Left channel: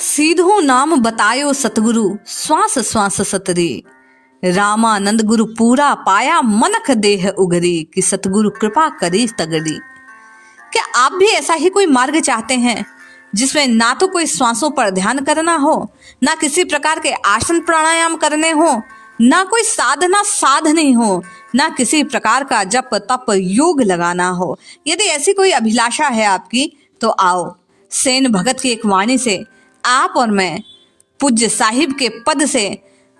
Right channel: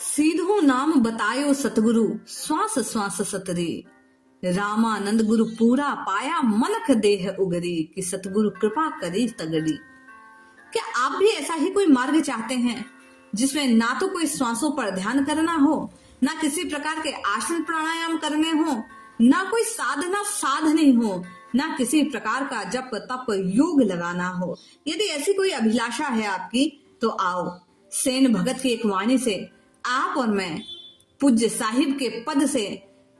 सीधो नाम बतायो सतगुरु श्वास श्वास सतरी। रामानंद गुरु पूरा पाया मनख देह उगरी कि सतगुरु कृपा करी तगड़ी। क्या आप भी ऐसा ही कोई मार्ग चाहते हैं जिसमें ना तो कोई श्वासों पर ध्यान करना हो, ना किसी प्रकार के आसन प्राणायाम करने हो, ना कोई साधना साधनी हो, ना किसी प्रकार का जप तप योग लगाना हो? यदि ऐसी कोई अभिलाषा है आपकी तो आओ, सेन भगत की एक वाणी से आप और मैं पूज्य साहिब के पद से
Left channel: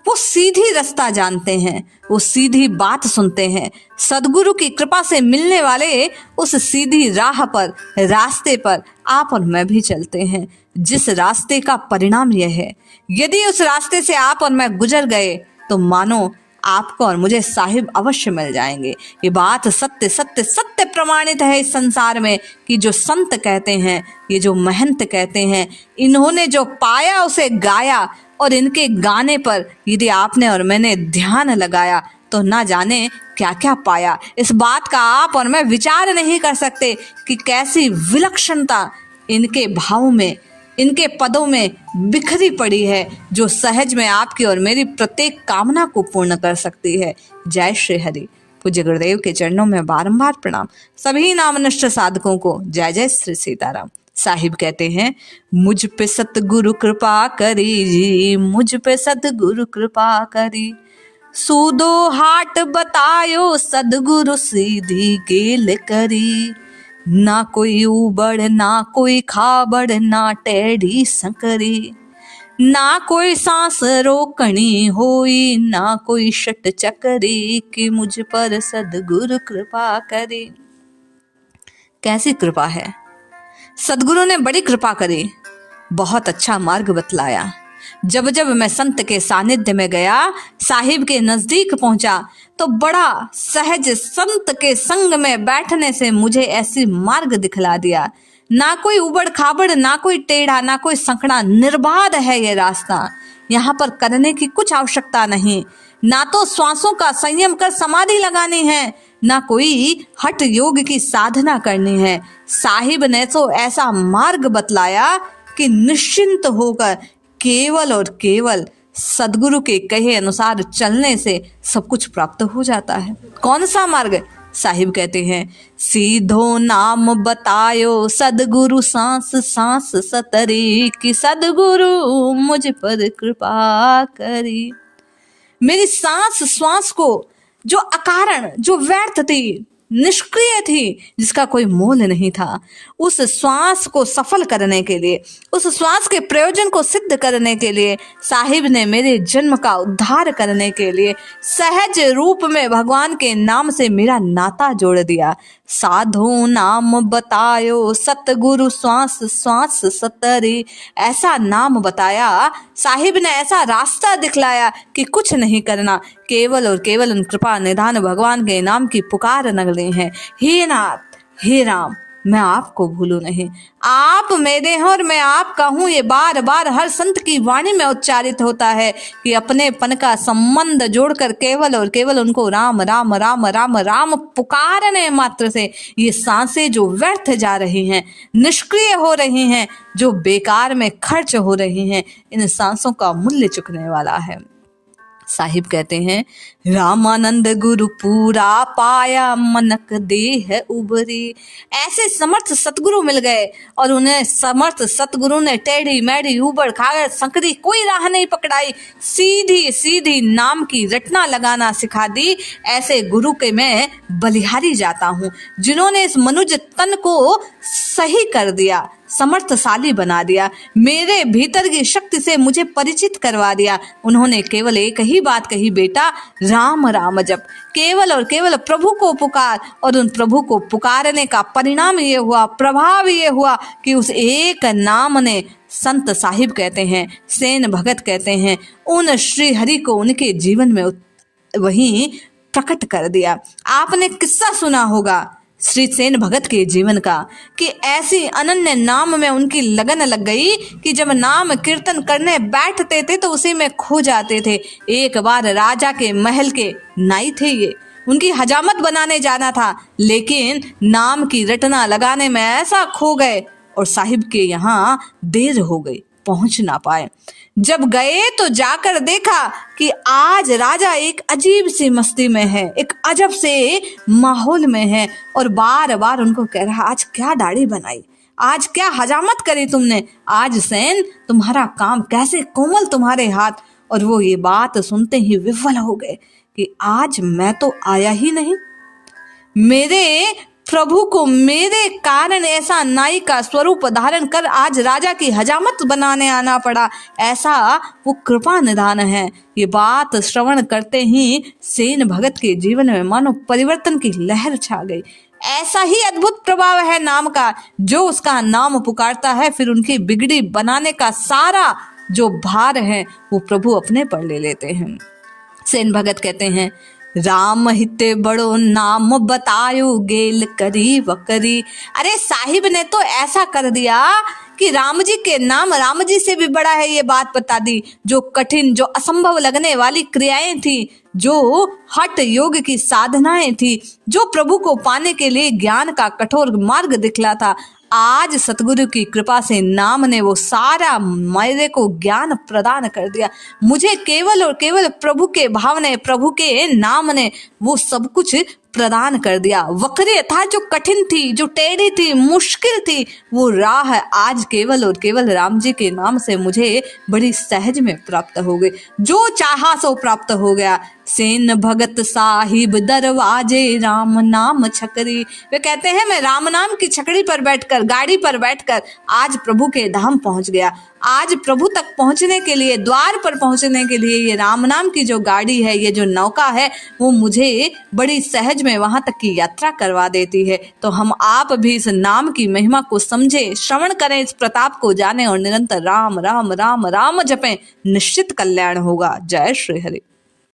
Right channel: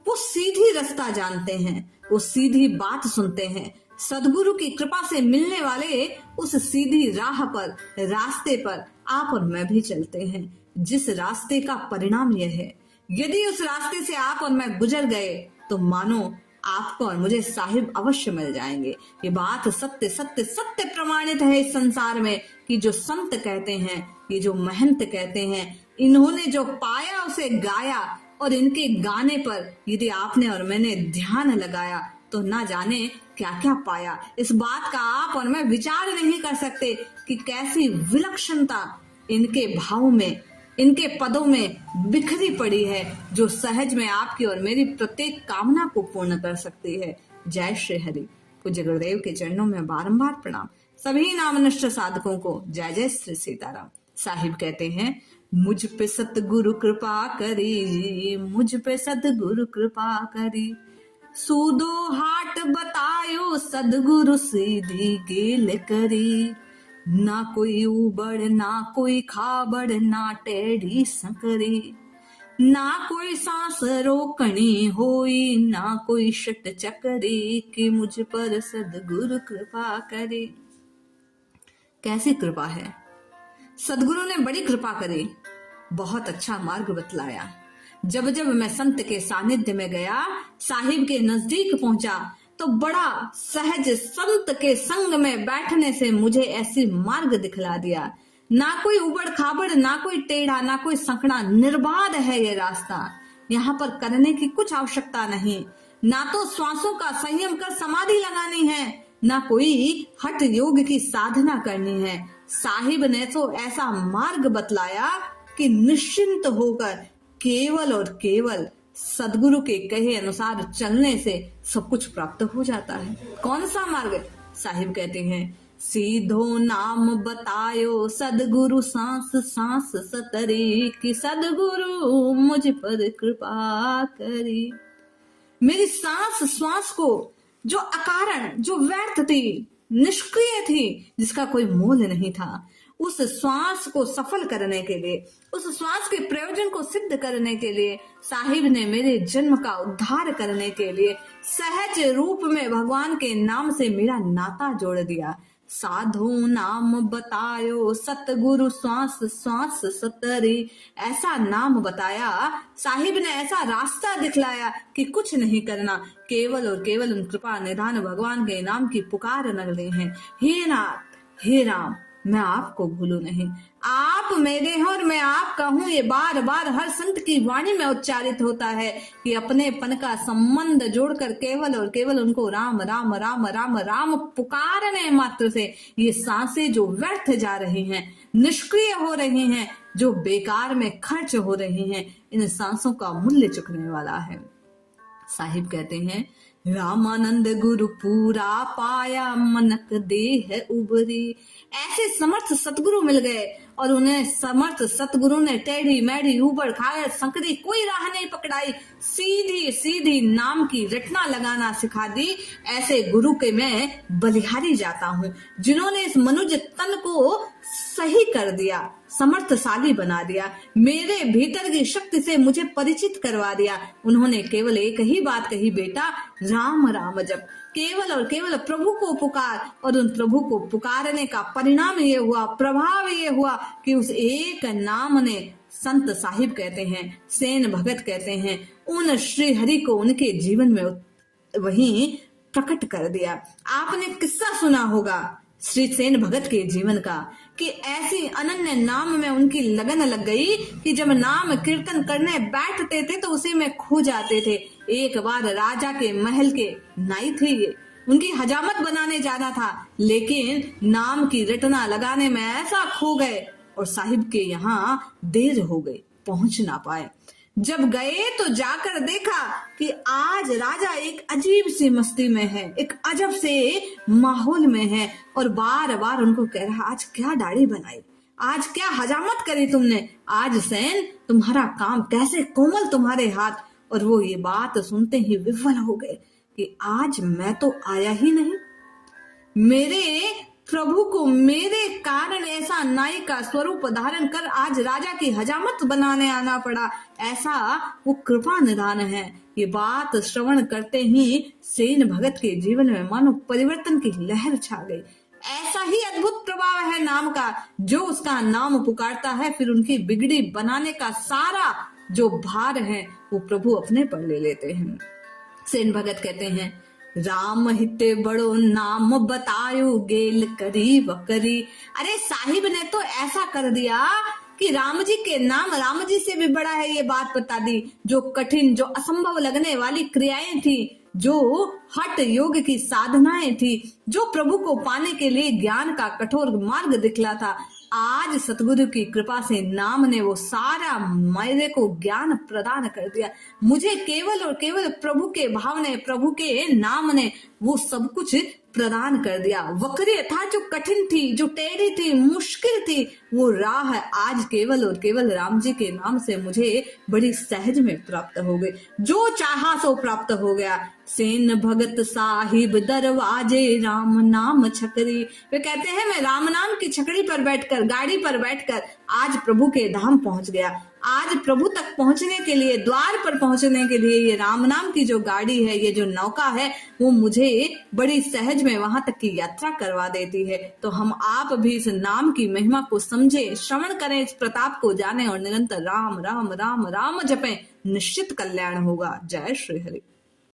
वो सीधी रास्ता जानते हैं, वो सीधी बात सुनते हैं। सदगुरु की कृपा से मिलने वाले उस सीधी राह पर, रास्ते पर आप और मैं भी चलते हैं, जिस रास्ते का परिणाम यह है, यदि उस रास्ते से आप और मैं गुजर गए तो मानो आपको और मुझे साहिब अवश्य मिल जाएंगे। ये बात सत्य सत्य सत्य प्रमाणित है इस संसार में कि जो संत कहते हैं, ये जो महंत कहते हैं, इन्होंने जो पाया उसे गाया, और इनके गाने पर यदि आपने और मैंने ध्यान लगाया तो ना जाने क्या क्या पाया। इस बात का आप और मैं विचार नहीं कर सकते कि कैसी विलक्षणता इनके भावों में, इनके पदों में बिखरी पड़ी है, जो सहज में आपकी और मेरी प्रत्येक कामना को पूर्ण कर सकती है। जय श्री हरि। पूज्य गुरुदेव के चरणों में बारंबार प्रणाम। सभी नामनिष्ठ साधकों को जय जय श्री सीताराम। साहिब कहते हैं, मुझ पे सतगुरु कृपा करी जी, मुझ पे सतगुरु कृपा करी। सूदो हाट बतायो सदगुरु सीधी गेल करी। ना कोई उबड़ ना कोई खाबड़ ना टेढ़ी संकरी। ना कोई सांस रोकनी होई ना कोई शट चकरी कि मुझ पर सदगुरु कृपा करी। कैसी कृपा है! सदगुरु ने बड़ी कृपा करी, बहुत अच्छा मार्ग बतलाया। जब जब मैं संत के सानिध्य में गया, साहिब के नजदीक पहुंचा, तो बड़ा सहज संत के संग में बैठने से मुझे ऐसी मार्ग दिखला दिया। ना कोई उबड़ खाबड़, ना कोई टेढ़ा, ना कोई संकड़ा, निर्बाध है ये रास्ता। यहाँ पर करने की कुछ आवश्यकता नहीं, ना तो श्वासों का संयम कर समाधि लगानी है, ना कोई हठ योग की साधना करनी है। साहिब ने तो ऐसा मार्ग बतलाया कि निश्चिंत होकर केवल और केवल सदगुरु के कहे अनुसार चलने से सब कुछ प्राप्त हो जाता है। कौन सा मार्ग? साहिब कहते हैं, सीधो नाम बतायो सदगुरु सांस सांस सतरी कि सदगुरु मुझ पर कृपा करी। मेरी सांस श्वास को जो अकारण, जो व्यर्थ थी, निष्क्रिय थी, जिसका कोई मोल नहीं था, उस श्वास को सफल करने के लिए, उस श्वास के प्रयोजन को सिद्ध करने के लिए साहिब ने मेरे जन्म का उद्धार करने के लिए सहज रूप में भगवान के नाम से मेरा नाता जोड़ दिया। साधो नाम बतायो सतगुरु श्वास श्वास सतरी। ऐसा नाम बताया साहिब ने, ऐसा रास्ता दिखलाया कि कुछ नहीं करना, केवल और केवल उन कृपा निधान भगवान के नाम की पुकार लगनी है। हे नाथ, हे राम, मैं आपको भूलूं नहीं। आप मेरे हैं और मैं आपका हूं, ये बार बार हर संत की वाणी में उच्चारित होता है कि अपने पन का संबंध जोड़कर केवल और केवल उनको राम राम राम राम राम पुकारने मात्र से ये सांसें जो व्यर्थ जा रही हैं, निष्क्रिय हो रही हैं, जो बेकार में खर्च हो रही हैं, इन सांसों का मूल्य चुकने वाला है। साहिब कहते हैं, रामानंद गुरु पूरा पाया मनक देह उभरी। ऐसे समर्थ सतगुरु मिल गए और उन्हें समर्थ सतगुरु ने टेढ़ी मेढ़ी उबड़ खाबड़ संकरी कोई राह नहीं पकड़ाई, सीधी सीधी नाम की रटना लगाना सिखा दी। ऐसे गुरु के मैं बलिहारी जाता हूँ, जिन्होंने इस मनुज तन को सही कर दिया, समर्थशाली बना दिया, मेरे भीतर की शक्ति से मुझे परिचित करवा दिया। उन्होंने केवल एक ही बात कही, बेटा राम राम जप, केवल और केवल प्रभु को पुकार। और उन प्रभु को पुकारने का परिणाम ये हुआ, प्रभाव ये हुआ कि उस एक नाम ने, संत साहिब कहते हैं, सेन भगत कहते हैं, उन श्री हरि को उनके जीवन में वहीं प्रकट कर दिया। आपने किस्सा सुना होगा श्री सेन भगत के जीवन का कि ऐसी अनन्य नाम में उनकी लगन लग गई कि जब नाम कीर्तन करने बैठते थे तो उसी में खो जाते थे। एक बार राजा के महल के नाई थे ये, उनकी हजामत बनाने जाना था, लेकिन नाम की रटना लगाने में ऐसा खो गए और साहिब के यहाँ देर हो गई। पहुंच ना पाए। जब गए तो जाकर देखा कि आज राजा एक अजीब सी मस्ती में है, एक अजब से माहौल में है, और बार बार उनको कह रहा, आज क्या दाढ़ी बनाई, आज क्या हजामत करी तुमने, आज सेन तुम्हारा काम कैसे कोमल तुम्हारे हाथ। और वो ये बात सुनते ही विह्वल हो गए कि आज मैं तो आया ही नहीं, मेरे प्रभु को मेरे कारण ऐसा नाई का स्वरूप धारण कर आज राजा की हजामत बनाने आना पड़ा, ऐसा वो कृपा निधान है। ये बात श्रवण करते ही सेन भगत के जीवन में मानो परिवर्तन की लहर छा गई। ऐसा ही अद्भुत प्रभाव है नाम का, जो उसका नाम पुकारता है फिर उनकी बिगड़ी बनाने का सारा जो भार है वो प्रभु अपने पर ले लेते हैं। सेन भगत कहते हैं, राम हिते बड़ो नाम बतायो गेल करी वकरी। अरे साहिब ने तो ऐसा कर दिया कि राम जी के नाम राम जी से भी बड़ा है, ये बात बता दी। जो कठिन, जो असंभव लगने वाली क्रियाएं थी, जो हठ योग की साधनाएं थी, जो प्रभु को पाने के लिए ज्ञान का कठोर मार्ग दिखला था, आज सतगुरु की कृपा से नाम ने वो सारा मेरे को ज्ञान प्रदान कर दिया। मुझे केवल और केवल प्रभु के भाव ने, प्रभु के नाम ने वो सब कुछ प्रदान कर दिया। वक्र था जो कठिन थी, जो टेढ़ी थी, मुश्किल थी, वो राह आज केवल और केवल राम जी के नाम से मुझे बड़ी सहज में प्राप्त हो गई। जो चाहा सो प्राप्त हो गया। सेन भगत साहिब दरवाजे राम नाम छकरी। वे कहते हैं, मैं राम नाम की छकड़ी पर बैठकर, गाड़ी पर बैठकर आज प्रभु के धाम पहुंच गया। आज प्रभु तक पहुंचने के लिए, द्वार पर पहुंचने के लिए ये राम नाम की जो गाड़ी है, ये जो नौका है, वो मुझे बड़ी सहज में वहां तक की यात्रा करवा देती है। तो हम आप भी इस नाम की महिमा को समझें, श्रवण करें, इस प्रताप को जानें और निरंतर राम राम राम राम जपें, निश्चित कल्याण होगा। जय श्री हरि।